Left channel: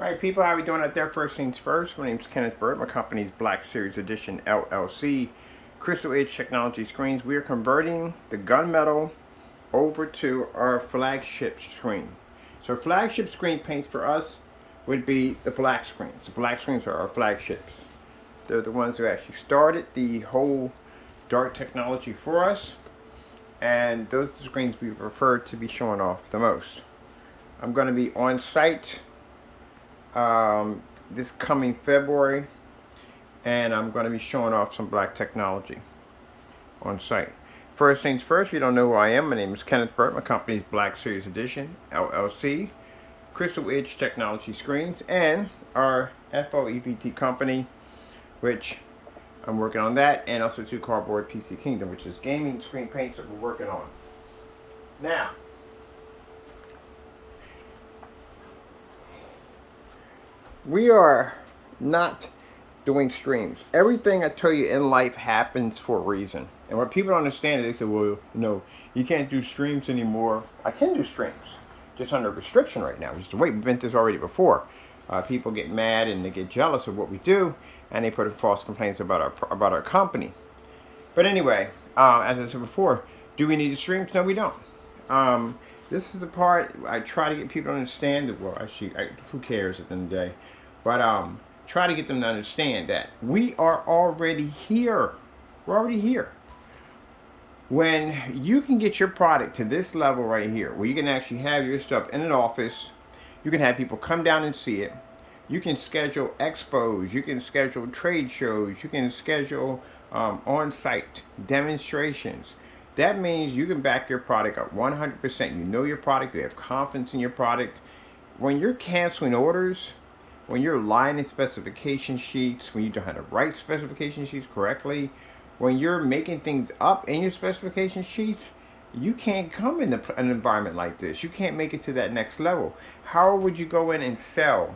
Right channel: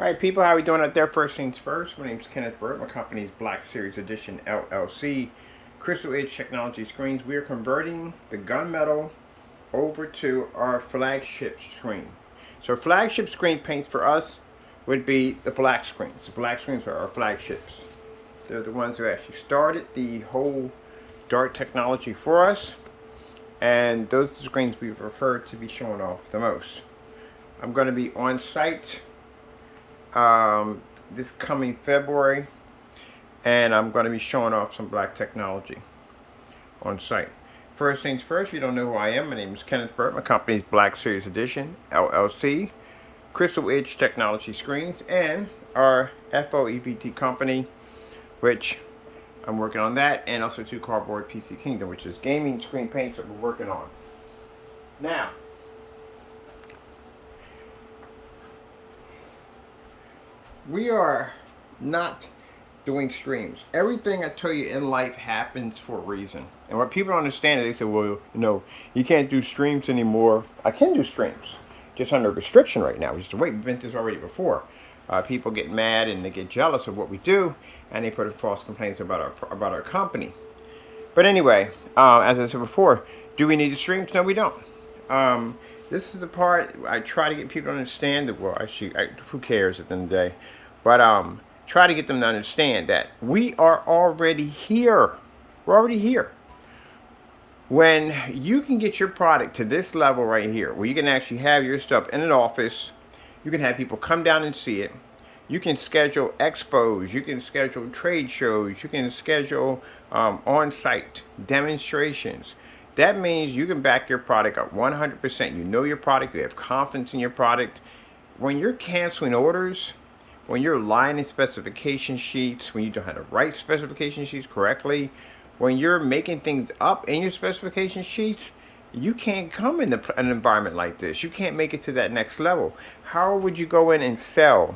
All right, people, how are we doing out there? First things first, my name is Kenneth Bird. My company is Black Series Edition LLC. Crystal Edge Technology Screens. We are converting the gunmetal over to our flagship screen. So flagship screen paints for us would be the black screens. The black screens are our flagships. They're the ones who actually started the whole dark technology for us. And those are the screens we prefer to be showing off the most. I'm going to be on site this coming February, and I'm going to be showing off some black technology on site. First things first, if you don't know who I am, my name is Kenneth Burt. My company is Black Series Edition LLC, Crystal Edge Technology Screens, and our FOEVT company, which I'm working on that, and also to Cardboard PC Kingdom, which is gaming screen paints that we're working on. Now, we are not doing streams. Everything I tell you in life happens for a reason. And what people don't understand is they say, well, you can't do streams anymore. I can do streams, just under restriction right now. It's the way we've been through this already before. People get mad and they get jealous of what we do, and they put in false complaints about our company. But anyway, as I said before, do we need the streams? No, we don't. This is the part I try to get people to understand that, well, actually, who cares at the end of the day? But try to get them to understand that we are already here. We're already here. When you can get your product to this level right here, where you can actually have your stuff in an office, you can have people come down and see it. You can schedule expos. You can schedule trade shows. You can schedule on-site demonstrations. That means you can back your product up 100%. You know your product. You have confidence in your product. When you're canceling orders, when you're lying in specification sheets, when you don't know how to write specification sheets correctly, when you're making things up in your specification sheets, you can't come in an environment like this. You can't make it to that next level. How would you go in and sell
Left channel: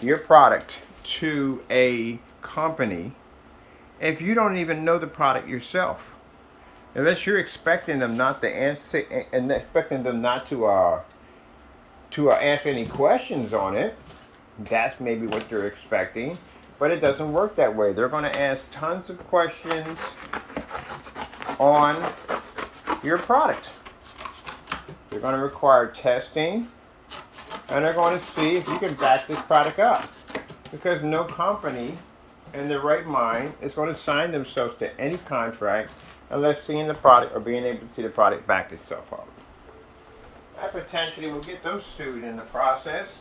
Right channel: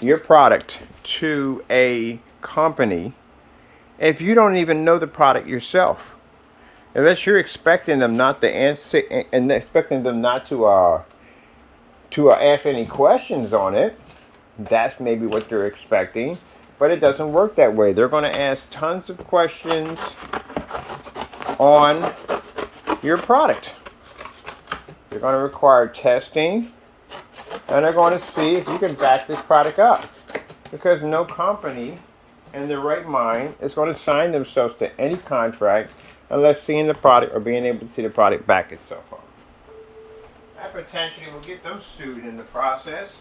your product to a company if you don't even know the product yourself? Unless you're expecting them not to answer and expecting them not to ask any questions on it, that's maybe what they're expecting. But it doesn't work that way. They're going to ask tons of questions on your product. They're going to require testing, and they're going to see if you can back this product up. Because no company in their right mind is going to sign themselves to any contract unless seeing the product or being able to see the product back itself up. That potentially will get them sued in the process.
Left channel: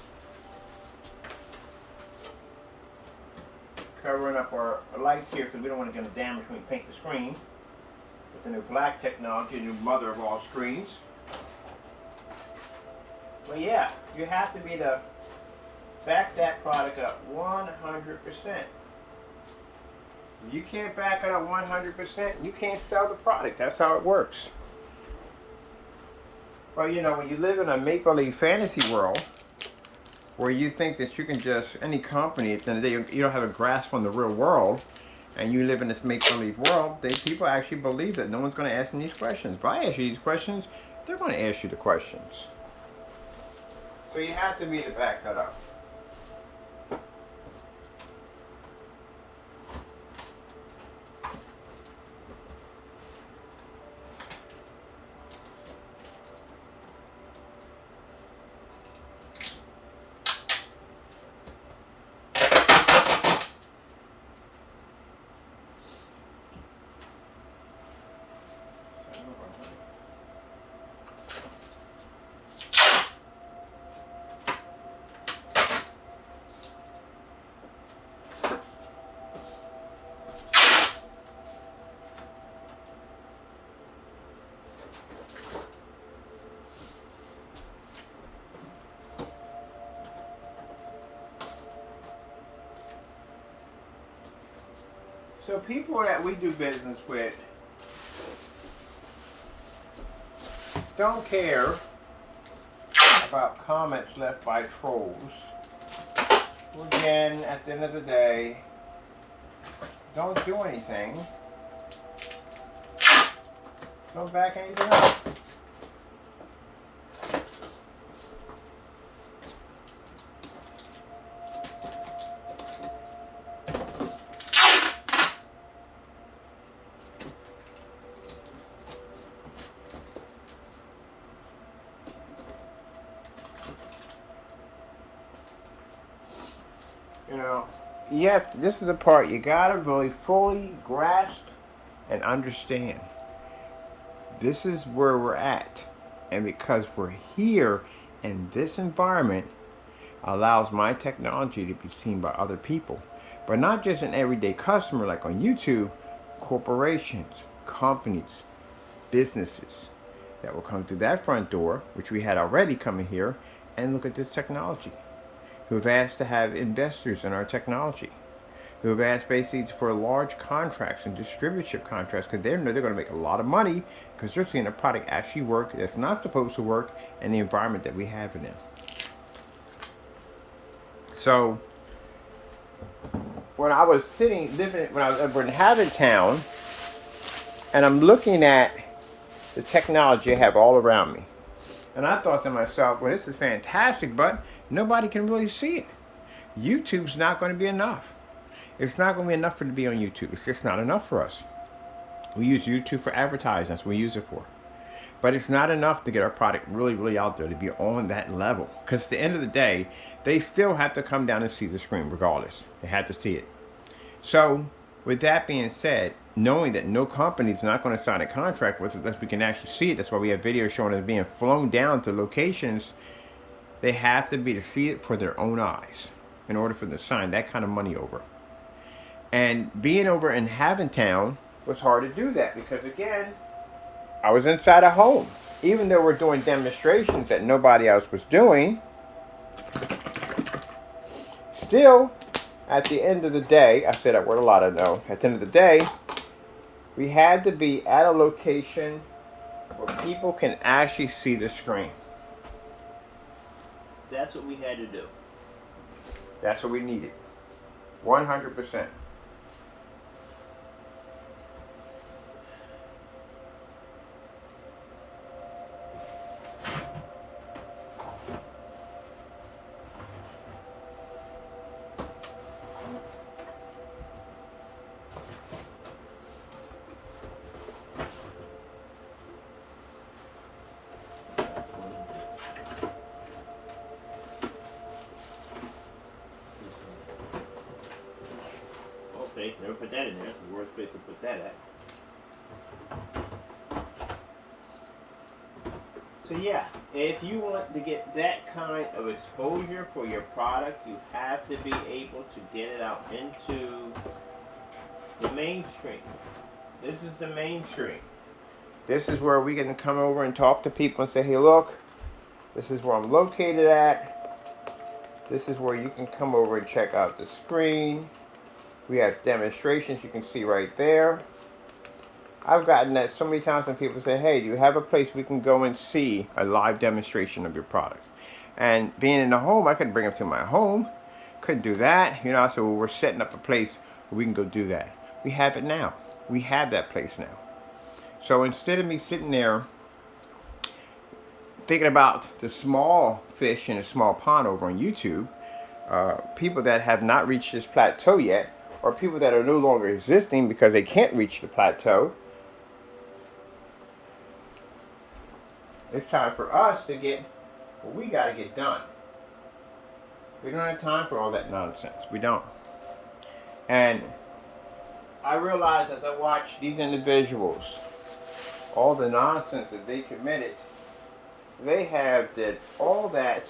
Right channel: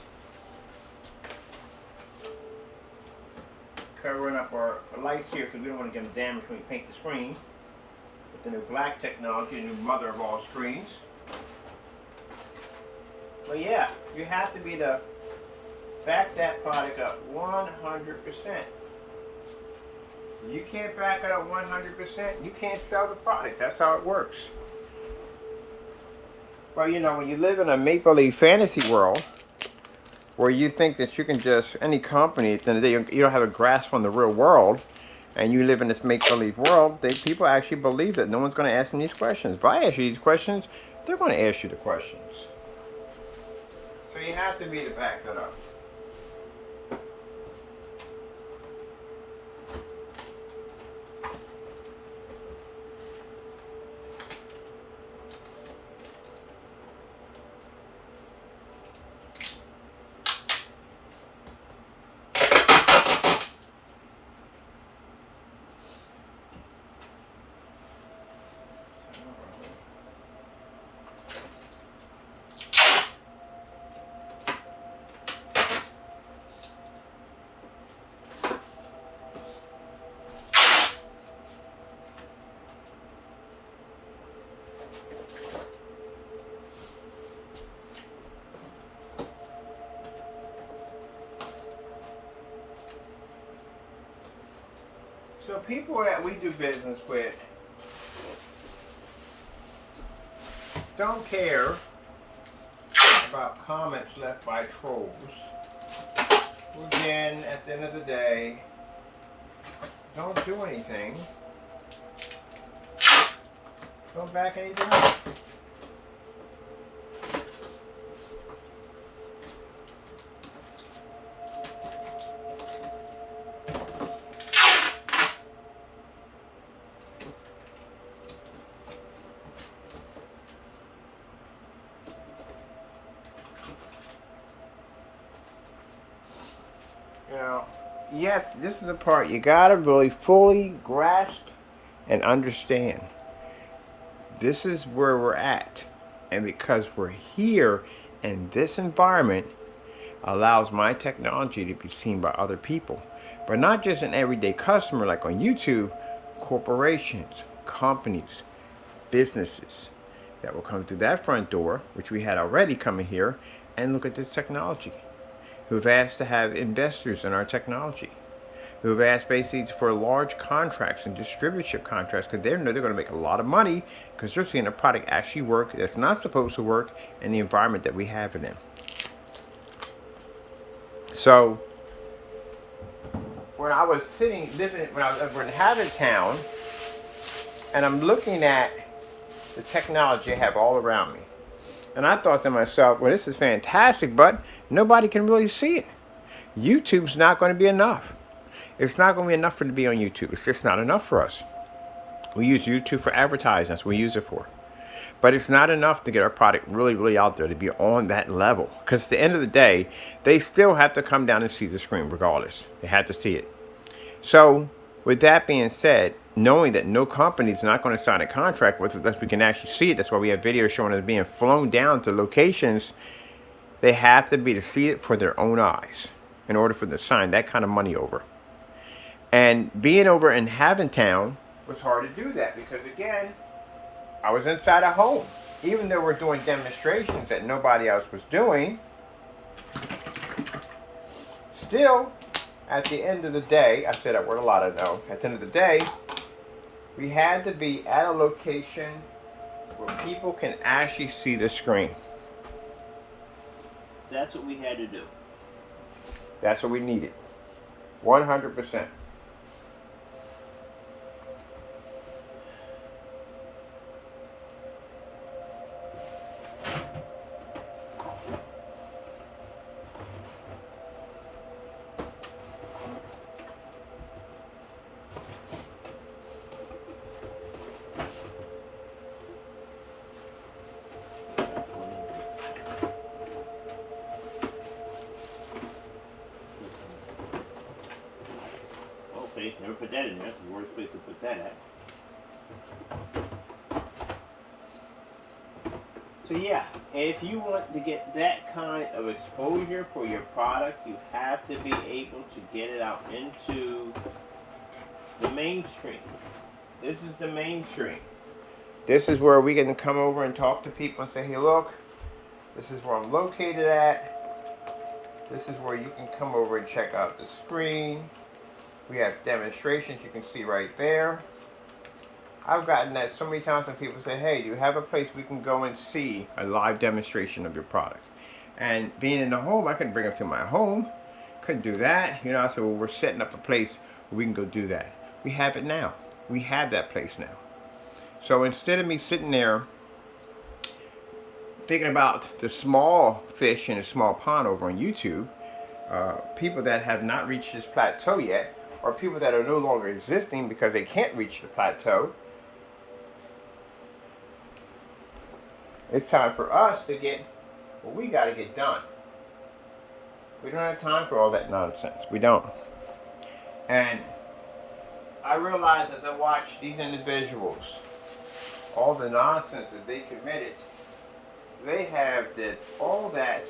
Covering up our lights here because we don't want to get them damaged when we paint the screen. With the new black technology, the new mother of all screens. But yeah, you have to be to back that product up 100%. You can't back it up 100%, you can't sell the product. That's how it works. Well, when you live in a make-believe fantasy world, where you think that you can just, any company, at the end of the day, you don't have a grasp on the real world, and you live in this make-believe world, people actually believe that no one's going to ask them these questions. If I ask you these questions, they're going to ask you the questions. So you have to be to back that up. So people that we do business with don't care about comments left by trolls. Who again, at the end of the day, don't do anything. Don't back anything up. You know, this is the part you gotta really fully grasp and understand. This is where we're at. And because we're here in this environment, allows my technology to be seen by other people. But not just an everyday customer like on YouTube, corporations, companies, businesses that will come through that front door, which we had already coming here, and look at this technology, who have asked to have investors in our technology, who have asked basically for large contracts and distributorship contracts because they know they're going to make a lot of money because they're seeing a product actually work that's not supposed to work in the environment that we have it in. So when I was when I was in Haventown, and I'm looking at the technology I have all around me, and I thought to myself, well, this is fantastic, but nobody can really see it. YouTube's not going to be enough. It's not going to be enough for it to be on YouTube. It's just not enough for us. We use YouTube for advertising. That's what we use it for. But it's not enough to get our product really, really out there to be on that level. Because at the end of the day, they still have to come down and see the screen regardless. They have to see it. So with that being said, knowing that no company is not going to sign a contract with us unless we can actually see it, that's why we have videos showing us being flown down to locations. They have to be to see it for their own eyes in order for them to sign that kind of money over. And being over in Haventown was hard to do that because, again, I was inside a home. Even though we're doing demonstrations that nobody else was doing, still, at the end of the day, I said that word a lot, I know. At the end of the day, we had to be at a location where people can actually see the screen. That's what we had to do. That's what we needed. 100%. Okay, never put that in there. That's the worst place to put that at. So yeah, if you want to get that kind of exposure for your product, you have to be able to get it out into the mainstream. This is the mainstream. This is where we can come over and talk to people and say, hey, look, this is where I'm located at. This is where you can come over and check out the screen. We have demonstrations you can see right there. I've gotten that so many times when people say, hey, do you have a place we can go and see a live demonstration of your product? And being in the home, I couldn't bring them to my home. Couldn't do that. You know, so we're setting up a place where we can go do that. We have it now. We have that place now. So instead of me sitting there thinking about the small fish in a small pond over on YouTube, people that have not reached this plateau yet, or people that are no longer existing because they can't reach the plateau, it's time for us to get what we got to get done. We don't have time for all that nonsense. We don't. And I realize as I watch these individuals, all the nonsense that they committed, they have did all that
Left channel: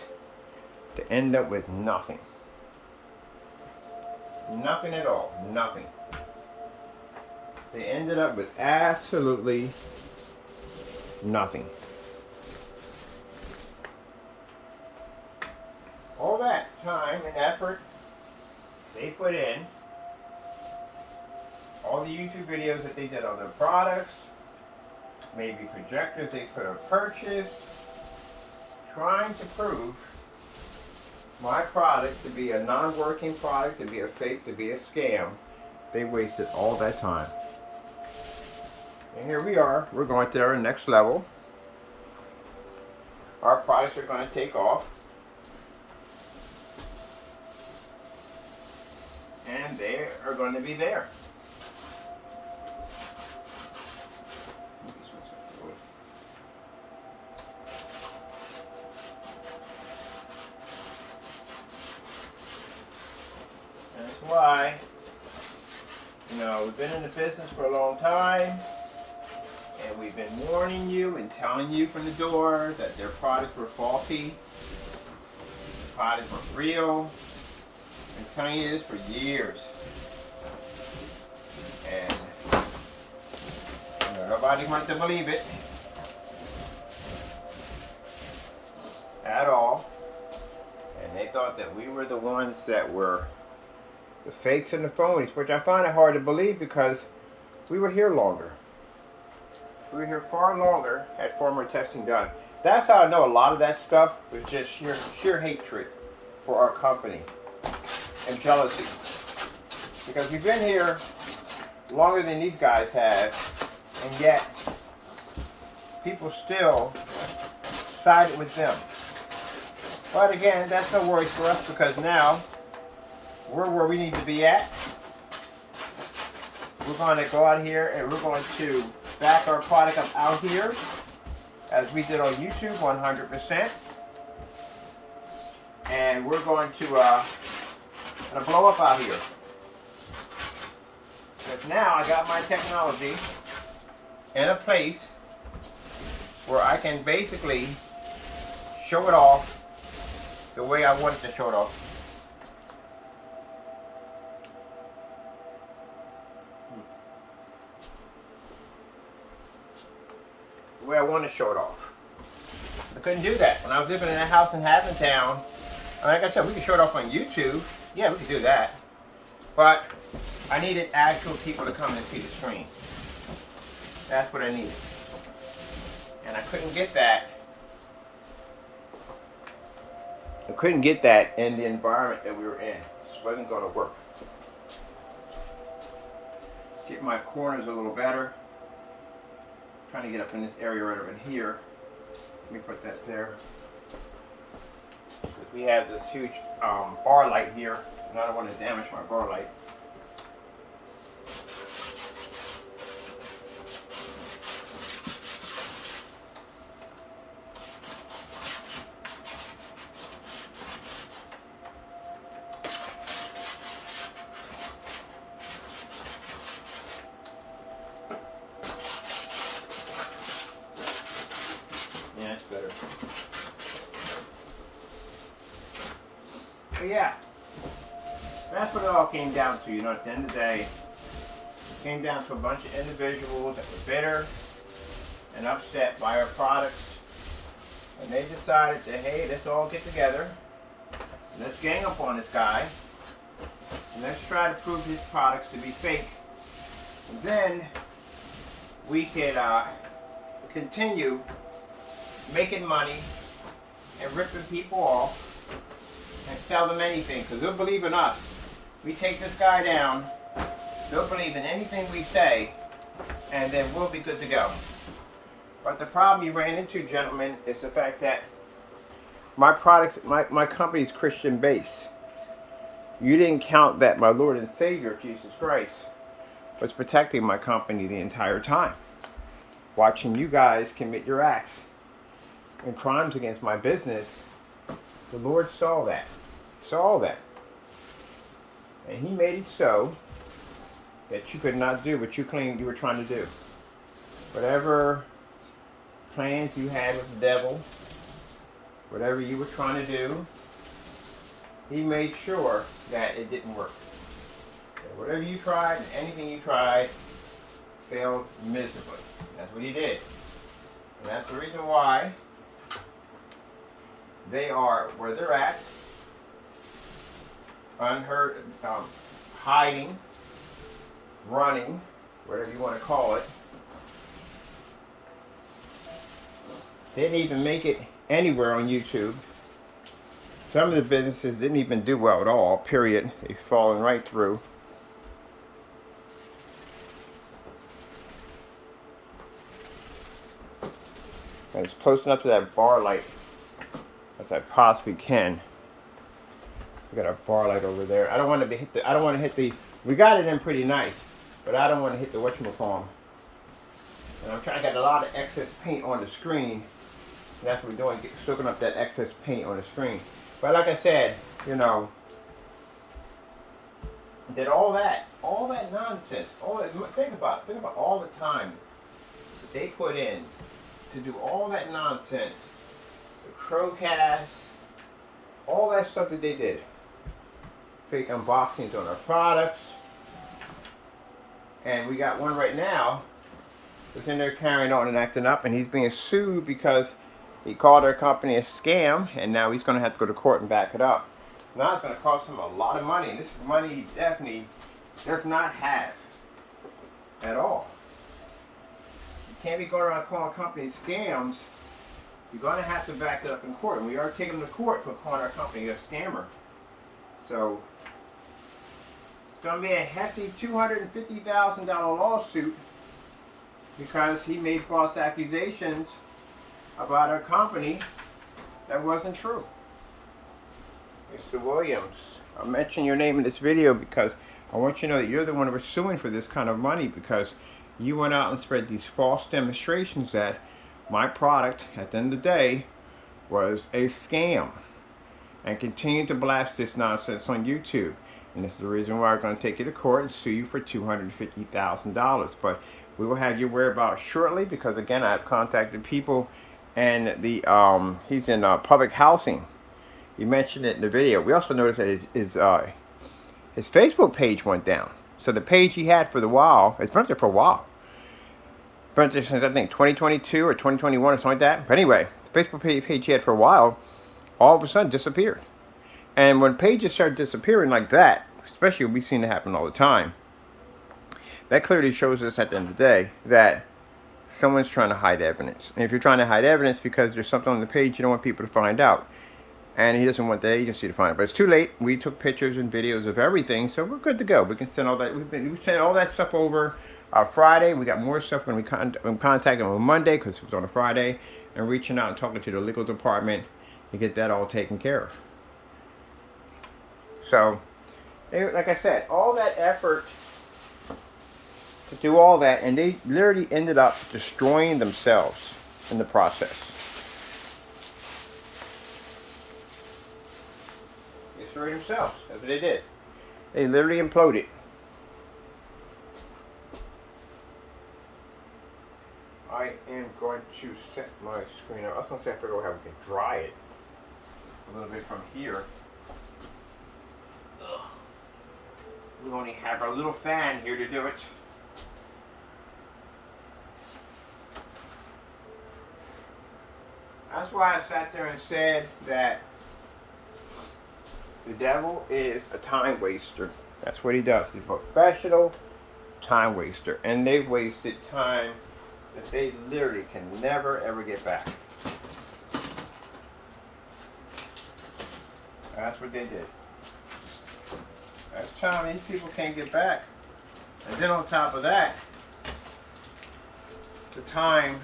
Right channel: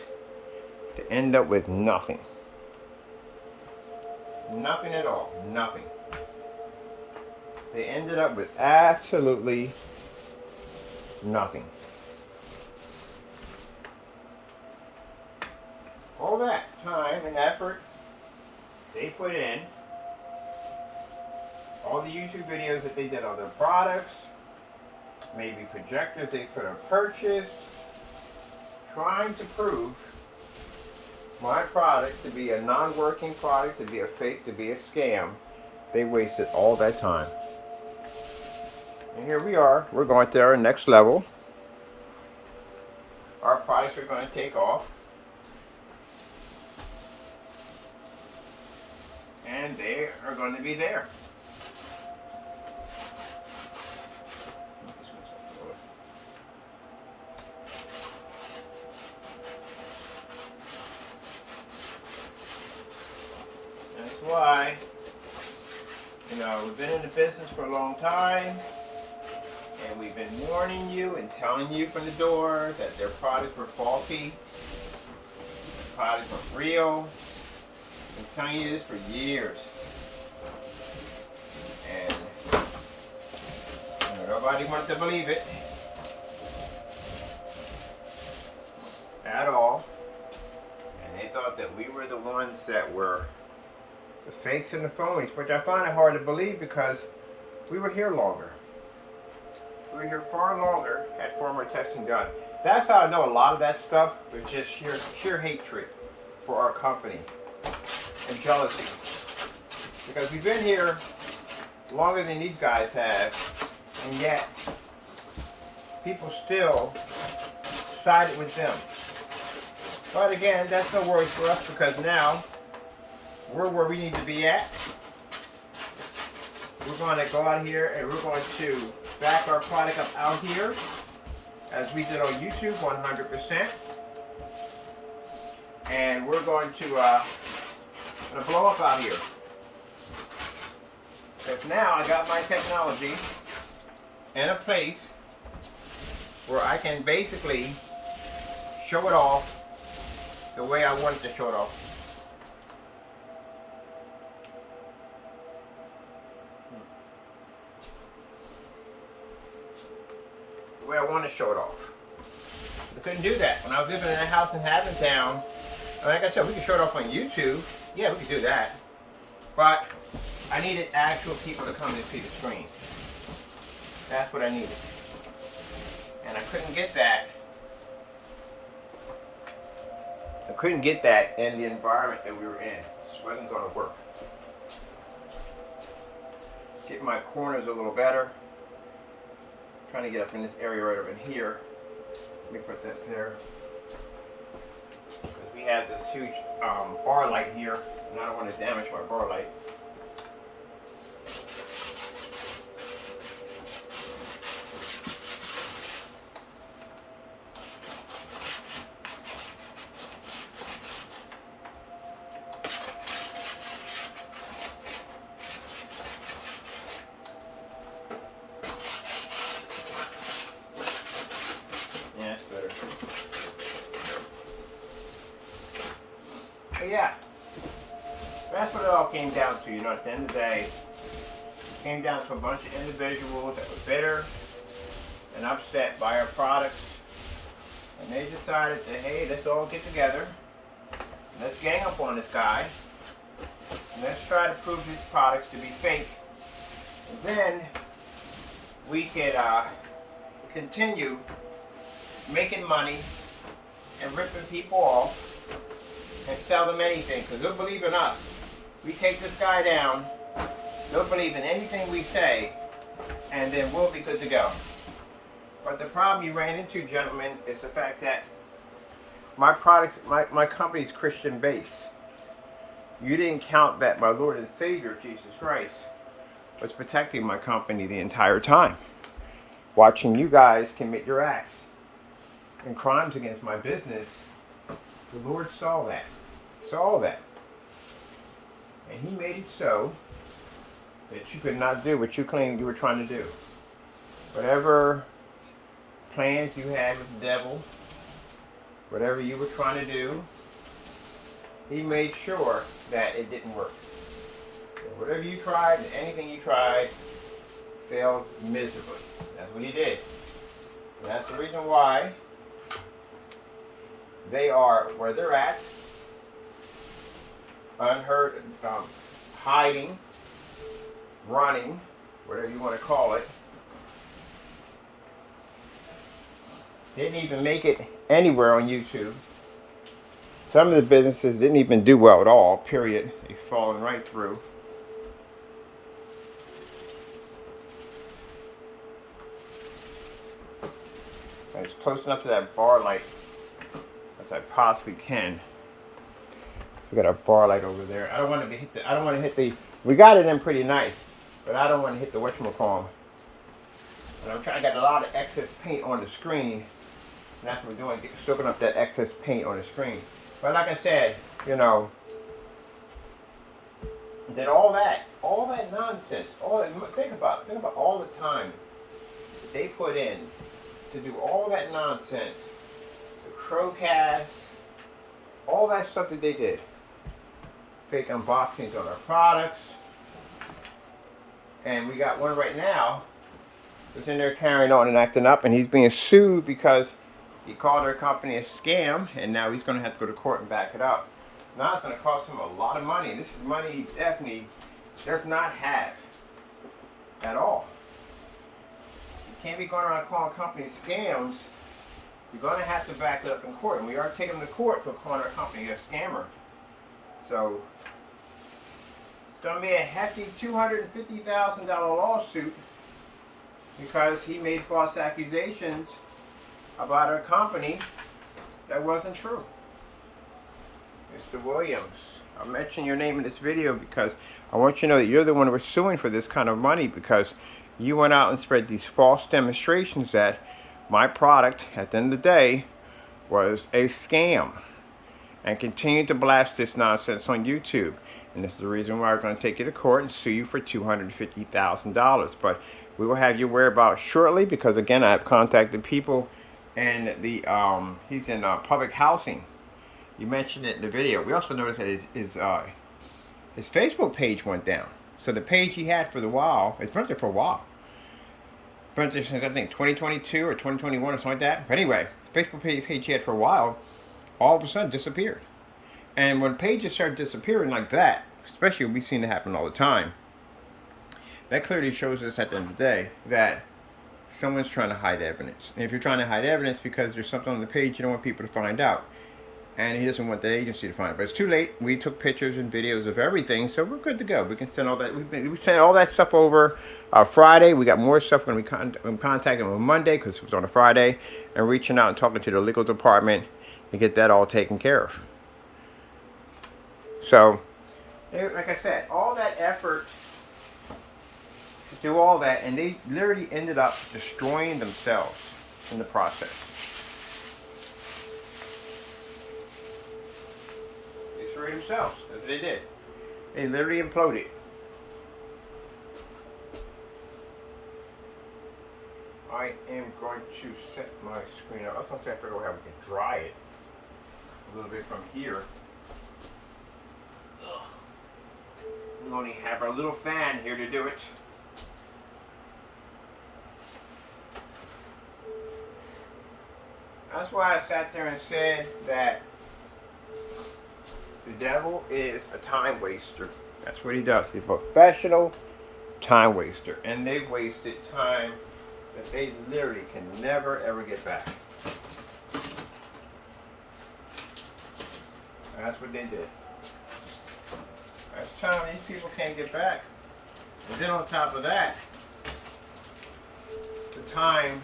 to end up with nothing. Nothing at all. Nothing. They ended up with absolutely nothing. All that time and effort they put in, all the YouTube videos that they did on their products, maybe projectors they could have purchased, trying to prove my product to be a non-working product, to be a fake, to be a scam. They wasted all that time. And here we are. We're going to our next level. Our products are going to take off. And they are going to be there. why, you know, we've been in the business for a long time, and we've been warning you and telling you from the door that their products were faulty, the products weren't real. Been telling you this for years, and you know, nobody wanted to believe it at all, and they thought that we were the ones that were the fakes and the phonies, which I find it hard to believe because we were here longer. We were here far longer, had far more testing done. That's how I know a lot of that stuff was just sheer hatred for our company and jealousy. Because we've been here longer than these guys have, and yet people still sided with them. But again, that's no worries for us because now we're where we need to be at. We're going to go out here and we're going to back our product up out here as we did on YouTube 100%. And we're going to blow up out here. Because now I got my technology in a place where I can basically show it off the way I wanted to show it off. The way I want to show it off. I couldn't do that. When I was living in that house in Hassantown, like I said, we could show it off on YouTube. Yeah, we could do that. But I needed actual people to come and see the screen. That's what I needed. And I couldn't get that. I couldn't get that in the environment that we were in. It just wasn't going to work. Get my corners a little better. Trying to get up in this area right over in here. Let me put that there. Because we have this huge bar light here, and I don't want to damage my bar light. Yeah, that's better. But yeah, that's what it all came down to. You know, at the end of the day, it came down to a bunch of individuals that were bitter and upset by our products. And they decided that, hey, let's all get together. Let's gang up on this guy. And let's try to prove these products to be fake. And then we could continue making money and ripping people off and sell them anything, because they'll believe in us. We take this guy down, they'll believe in anything we say, and then we'll be good to go. But the problem you ran into, gentlemen, is the fact that my products, my company's Christian base. You didn't count that my Lord and Savior, Jesus Christ, was protecting my company the entire time. Watching you guys commit your acts and crimes against my business, the Lord saw that. Saw that. And He made it so that you could not do what you claimed you were trying to do. Whatever plans you had with the devil, whatever you were trying to do, He made sure that it didn't work. That whatever you tried and anything you tried failed miserably. That's what He did. And that's the reason why they are where they're at, unheard, hiding, running, whatever you want to call it. Didn't even make it anywhere on YouTube. Some of the businesses didn't even do well at all, period. They've fallen right through. And it's close enough to that bar light as I possibly can. We got a bar light over there. I don't want to hit the. I don't want to hit the. We got it in pretty nice, but I don't want to hit the whatchamacallit. And I'm trying. I got a lot of excess paint on the screen, and that's what we're doing, soaking up that excess paint on the screen. But like I said, you know, did all that nonsense. Think about all the time that they put in to do all that nonsense. The Crowcast, all that stuff that they did. Fake unboxings on our products. And we got one right now that's in there carrying on and acting up, and he's being sued because he called our company a scam, and now he's going to have to go to court and back it up. Now it's going to cost him a lot of money. This is money he definitely does not have at all. You can't be going around calling companies scams. You're going to have to back it up in court, and we are taking him to court for calling our company a scammer. So it's going to be a hefty $250,000 lawsuit because he made false accusations about our company that wasn't true. Mr. Williams, I mentioned your name in this video because I want you to know that you're the one who was suing for this kind of money, because you went out and spread these false demonstrations that my product, at the end of the day, was a scam, and continued to blast this nonsense on YouTube. And this is the reason why we're going to take you to court and sue you for $250,000. But we will have your whereabouts shortly, because again, I have contacted people, and he's in public housing. You mentioned it in the video. We also noticed that his Facebook page went down. So the page he had for the while, it's been there for a while. Been there since I think 2022 or 2021 or something like that. But anyway, the Facebook page he had for a while, all of a sudden disappeared. And when pages start disappearing like that, especially we've seen it happen all the time, that clearly shows us at the end of the day that someone's trying to hide evidence. And if you're trying to hide evidence because there's something on the page you don't want people to find out, and he doesn't want the agency to find it, but it's too late. We took pictures and videos of everything, so we're good to go. We can send all that. We sent all that stuff over Friday. We got more stuff when we contact them on Monday, because it was on a Friday, and reaching out and talking to the legal department to get that all taken care of. So, like I said, all that effort to do all that, and they literally ended up destroying themselves in the process. They destroyed themselves. That's what they did. They literally imploded. I am going to set my screen up. I was going to say I figured out how we can dry it a little bit from here. We only have our little fan here to do it. That's why I sat there and said that the devil is a time waster. That's what he does. He's a professional time waster. And they've wasted time that they literally can never ever get back. That's what they did. That's time these people can't get back. And then on top of that, the time,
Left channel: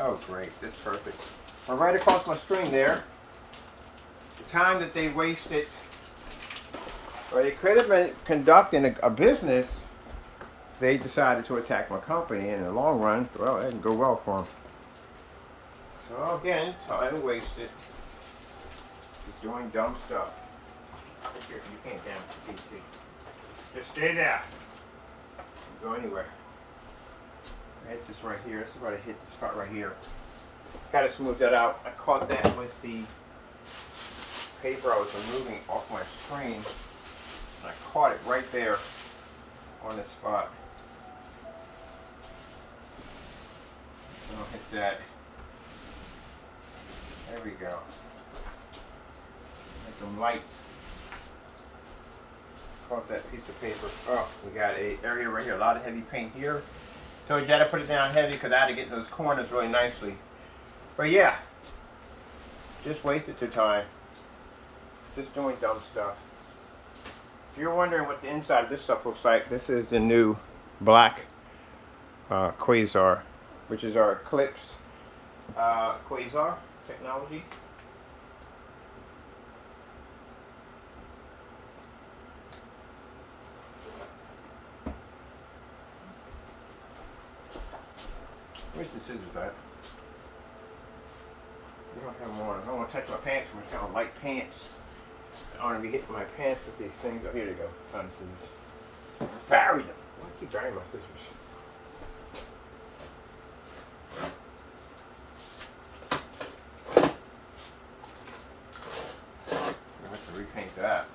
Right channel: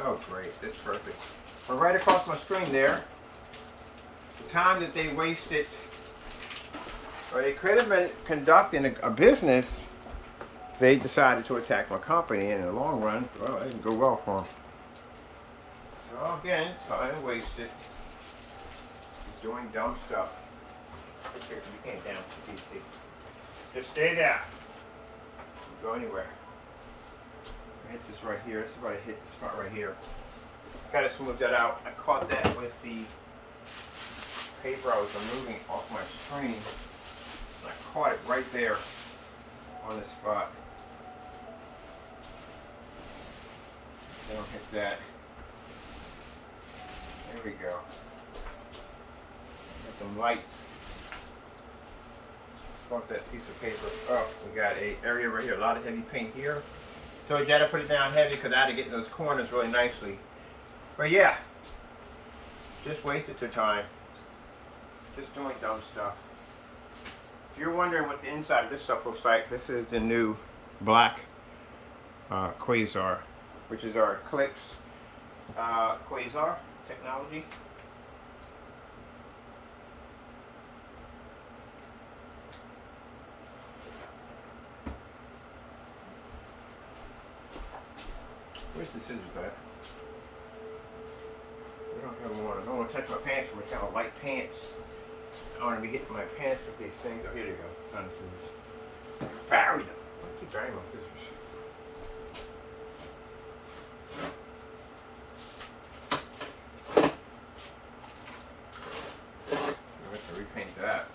oh great, that's perfect. Well, right across my screen there, the time that they wasted, where they could have been conducting a business, they decided to attack my company. In the long run, well, it didn't go well for them. So again, time wasted. Just doing dumb stuff. Here, you can't down the PC. Just stay there. Don't go anywhere. I hit this right here. This is where I hit this spot right here. Gotta smooth that out. I caught that with the paper I was removing off my screen. And I caught it right there on the spot. Don't hit that. There we go. With some lights. Caught that piece of paper. Oh, we got an area right here. A lot of heavy paint here. Told you I had to put it down heavy because I had to get in those corners really nicely. But yeah, just wasted your time. Just doing dumb stuff. If you're wondering what the inside of this stuff looks like, this is the new black Quasar, which is our Eclipse Quasar technology. Where's the scissors at? We don't have them on. I don't want to touch my pants so much. I don't like pants I want to be hitting my pants with these things. Oh, here they go. Time to see this. Bury them. I keep burying my scissors. I have to repaint that.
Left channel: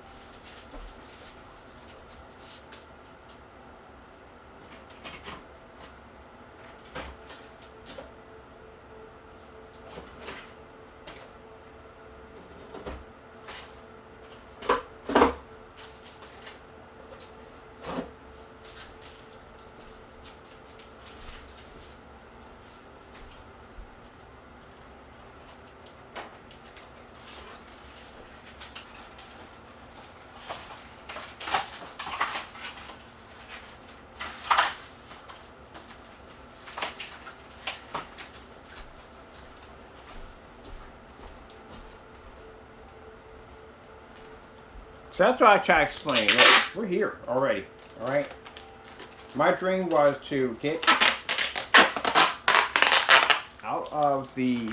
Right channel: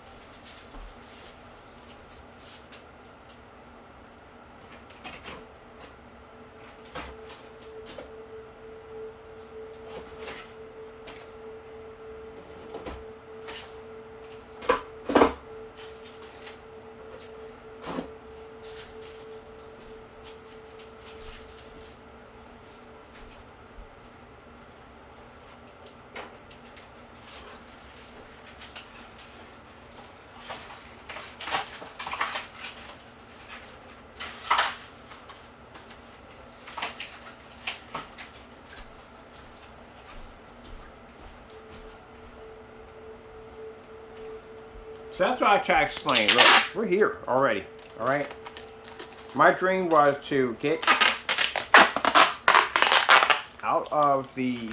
So that's what I try to explain. Look, we're here already, all right? My dream was to get out of the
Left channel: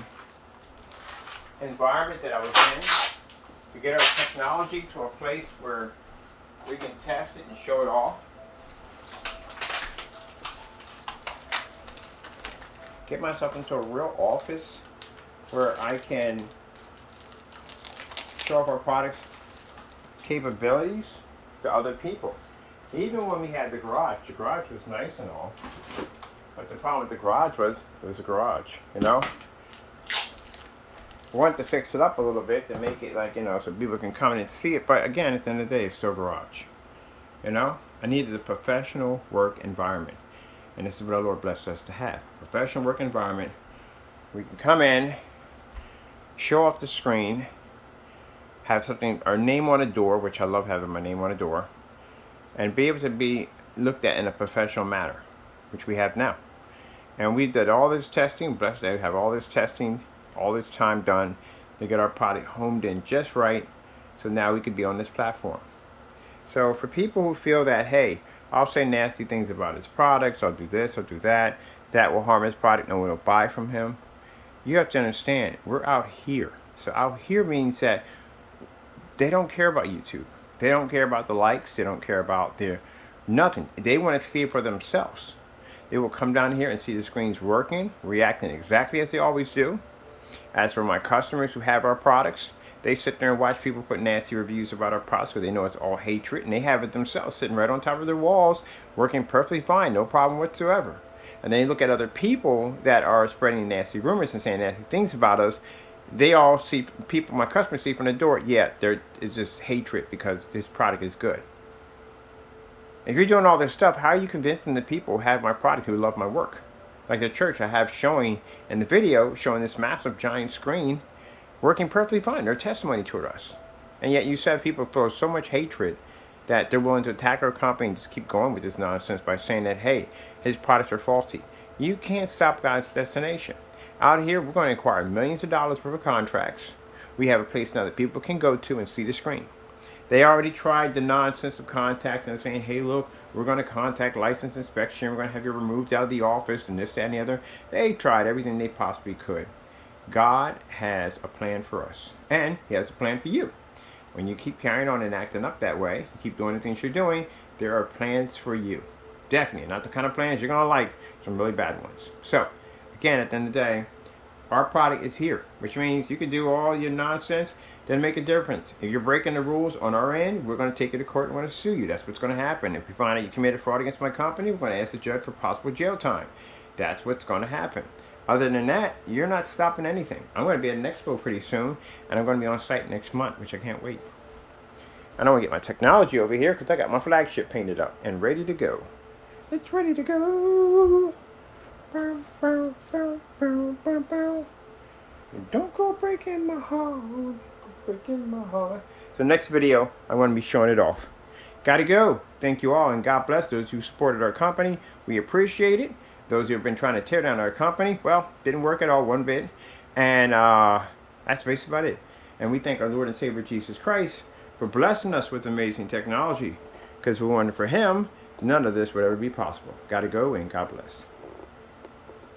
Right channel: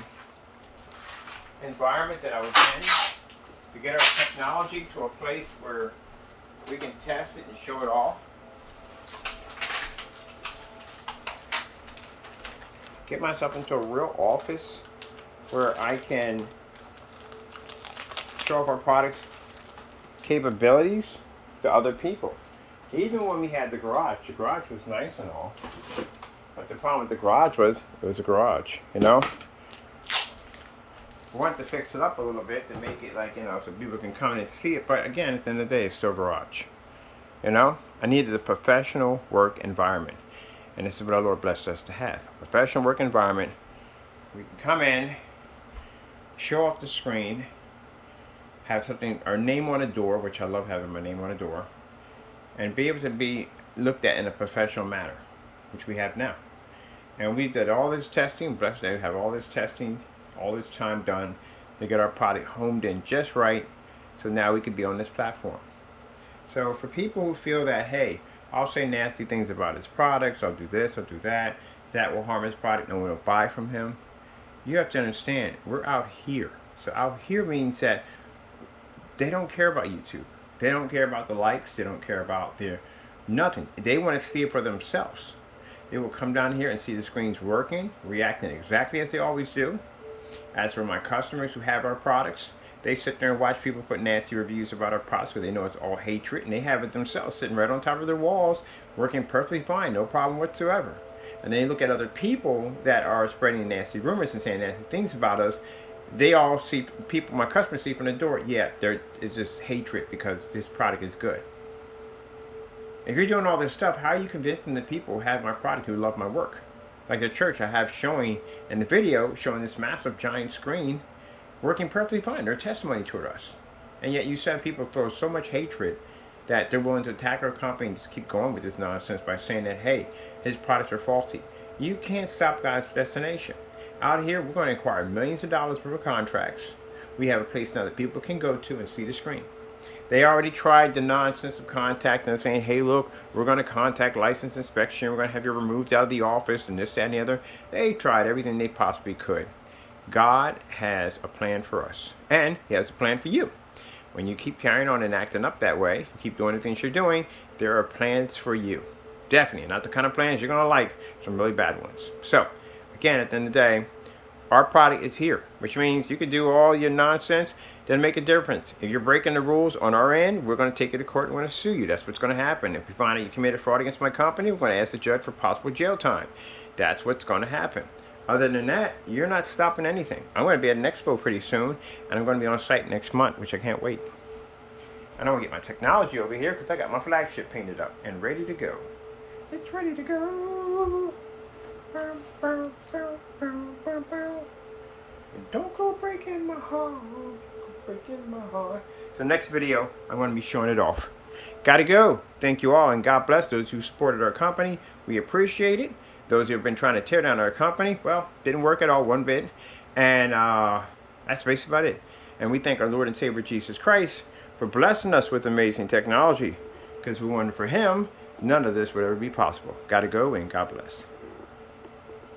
environment that I was in, to get our technology to a place where we can test it and show it off. Get myself into a real office where I can show off our products capabilities to other people. Even when we had the garage was nice and all, but the problem with the garage was it was a garage, you know. We wanted to fix it up a little bit to make it like, you know, so people can come in and see it, but again, at the end of the day, it's still a garage, you know. I needed a professional work environment, and this is what our Lord blessed us to have: a professional work environment. We can come in, show off the screen, have something, our name on a door, which I love having my name on a door, and be able to be looked at in a professional manner, which we have now. And we did all this testing, blessed to have all this testing, all this time done to get our product homed in just right, so now we could be on this platform. So for people who feel that, hey, I'll say nasty things about his products, I'll do this, I'll do that, that will harm his product, no one will buy from him, you have to understand, we're out here. So out here means that they don't care about YouTube. They don't care about the likes. They don't care about their nothing. They want to see it for themselves. They will come down here and see the screens working, reacting exactly as they always do. As for my customers who have our products, they sit there and watch people put nasty reviews about our products because they know it's all hatred, and they have it themselves sitting right on top of their walls, working perfectly fine, no problem whatsoever. And they look at other people that are spreading nasty rumors and saying nasty things about us. They all see, people, my customers see from the door, yeah, there is just hatred because this product is good. If you're doing all this stuff, how are you convincing the people who have my product, who love my work? Like the church I have showing in the video, showing this massive giant screen, working perfectly fine. Their testimony toward us. And yet you said people feel so much hatred that they're willing to attack our company and just keep going with this nonsense by saying that, hey, his products are faulty. You can't stop God's destination. Out here, we're going to acquire millions of dollars worth of contracts. We have a place now that people can go to and see the screen. They already tried the nonsense of contacting and saying, hey, look, we're going to contact license inspection. We're going to have you removed out of the office and this, that, and the other. They tried everything they possibly could. God has a plan for us, and he has a plan for you. When you keep carrying on and acting up that way, you keep doing the things you're doing, there are plans for you. Definitely, not the kind of plans you're going to like, some really bad ones. So, again, at the end of the day, our product is here, which means you can do all your nonsense, doesn't make a difference. If you're breaking the rules on our end, we're going to take you to court and we're going to sue you. That's what's going to happen. If we find out you committed fraud against my company, we're going to ask the judge for possible jail time. That's what's going to happen. Other than that, you're not stopping anything. I'm going to be at an expo pretty soon, and I'm going to be on site next month, which I can't wait. And I'm going to get my technology over here because I got my flagship painted up and ready to go. It's ready to go. Don't go breaking my heart. Breaking my heart. So next video, I'm going to be showing it off. Gotta go. Thank you all, and God bless those who supported our company. We appreciate it. Those who have been trying to tear down our company, well, didn't work at all one bit. And that's basically about it. And we thank our Lord and Savior Jesus Christ for blessing us with amazing technology. Because if it weren't for him, none of this would ever be possible. Gotta go, and God bless.